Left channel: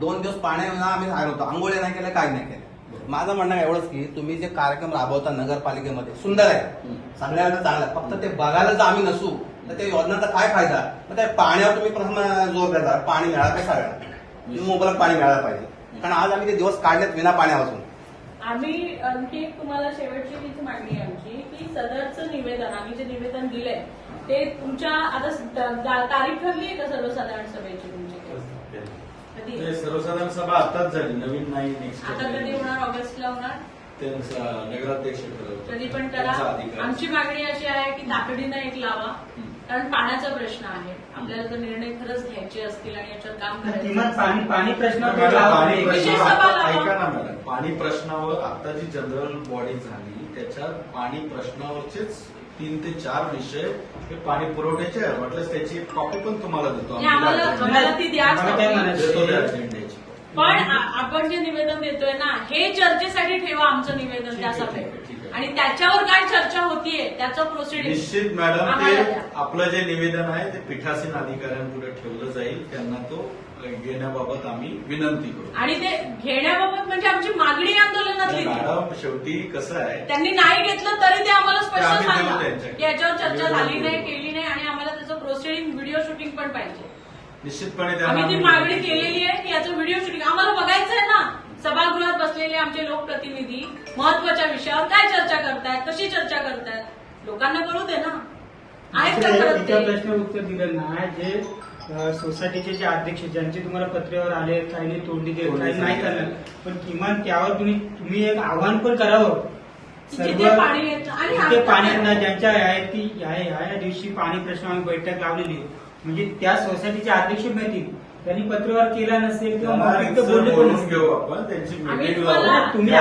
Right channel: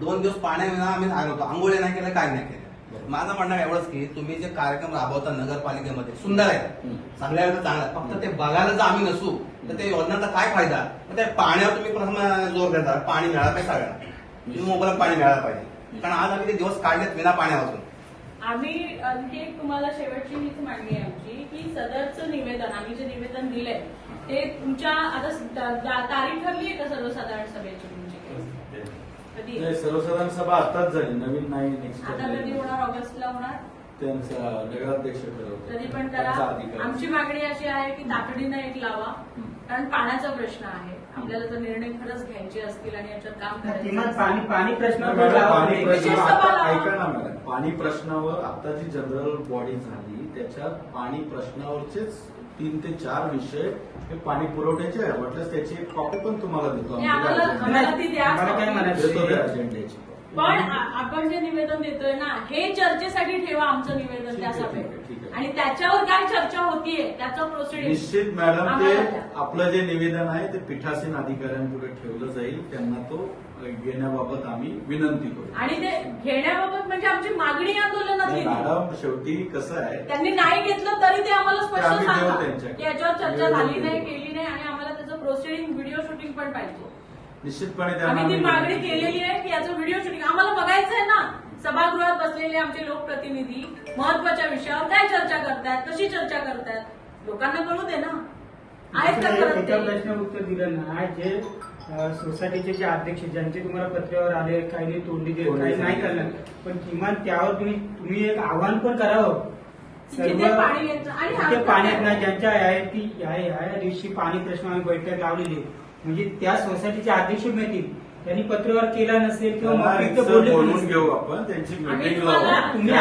2 दिवस पाण्याविना आम्ही राहिलो होतो, आंघोळ्या नाही केल्या, काय नाही केल्या. माझं म्हणणं एवढंच की तुम्ही जे कार्यक्रम राबवता नगरपालिकेमध्ये सुंदर आहे, चांगल्या चांगला, फक्त ते बघायला जर आम्ही नसू तर त्या योजनांचा काय फायदा. मग त्या पाण्यावर तुम्ही प्रथम जोर देता, पाणी मिळालं काय सगळ्यांना, तुम्ही मोबाईल पाणी मिळालं पाहिजे. कारण आज आम्ही ते दिवस काढलेत विना पाण्यापासून. आम्ही आणखी तुम्हाला शेवटची हीच मागणी आहे आमची की सदरचं निवेदन आम्ही जे निवेदन दिलंय ते तुमच्या आता तारीख ठरली आहे का सर्वसाधारण सभेची तुमची? कधी सर्वसाधारण सभा आताच झाली, नवीन नाही. नेक्स्ट आता कधी होणार? ऑगस्टला होणार? त्यांचा नगराध्यक्ष ठरवतो. कधी पण करा. आमची मागणी अशी आहे की तातडीनं एक लावा, कारण पाण्याचा प्रश्न आहे. आपल्याला जर निर्णय खरंच घ्यायचे असतील आणि याच्यावर काम करायचं पाणी प्रश्न ऐका ना मॅडम, पाणी प्रश्नावर आता जी जनरल बॉडी झाली त्याच्यात पाणी प्रश्नावरचेच 3 ते 4 विषय हे पाणी पुरवठ्याचे आहेत. म्हटलं त्याची कॉपी पण तुम्हाला देतो आम्हाला ती द्या. देतो त्या अजेंड्याची. पण आपण जे निवेदन देतोय ना, हे चर्चेसाठी ठेवा आमचं निवेदन त्या सभेत, आणि त्याच्यावर काय चर्चा होतीये त्याचं प्रोसिडिंग निश्चित मॅडम ते आपलं जे निवेदन आहे ते पीठासीन अधिकाऱ्यांपुढे ठेवलं जाईल, त्यांना तो घेण्याबाबत आम्ही विनंती करू. आणि ते घेण्याबाबत म्हणजे आमची मागणी आंदोलनातली मॅडम शेवटी कसं आहे, त्यांनी नाही घेतलं तरी ते आम्हाला स्पष्ट आम्ही देऊ सांगा त्यांच्या. की याच्यावर चर्चा झाली नाही, केली नाही, आणि आम्हाला त्याचं प्रोसिडिंग व्हिडिओ शूटिंग पण पाहिजे. निश्चितपणे आम्ही ती मागणी केलेली आहे की याचं व्हिडिओ शूटिंग आम्हाला बघायचं आहे ना. सभागृहात बसलेले आमचे लोकप्रतिनिधी महत्वाच्या विषयावर काय चर्चा करतायत, कशी चर्चा करतायत, लोकांना कळू दे ना. आहेत का करत ते? प्रश्न उत्तर दिलं ना. जे सोसायटीचे जे अध्यक्ष ज्यांची तुम्हाला पत्रावर आले, काही तोडली देत काही नाही चाललं, पण किमान त्यावर तुम्ही एक आव्हान पण करावं. जिथे पाणी येतं आणि जिथे पाणी ज्यांच्या या दिवशी पाणी प्रश्न आम्ही बैठक लावलेली आहे, म्हणजे त्या सोसायटीचे अध्यक्ष माहिती त्यांनी पत्रव्यवहार केला नसेल किंवा बोलून घेऊ आपण, त्यांची मीटिंग लावू. तुम्ही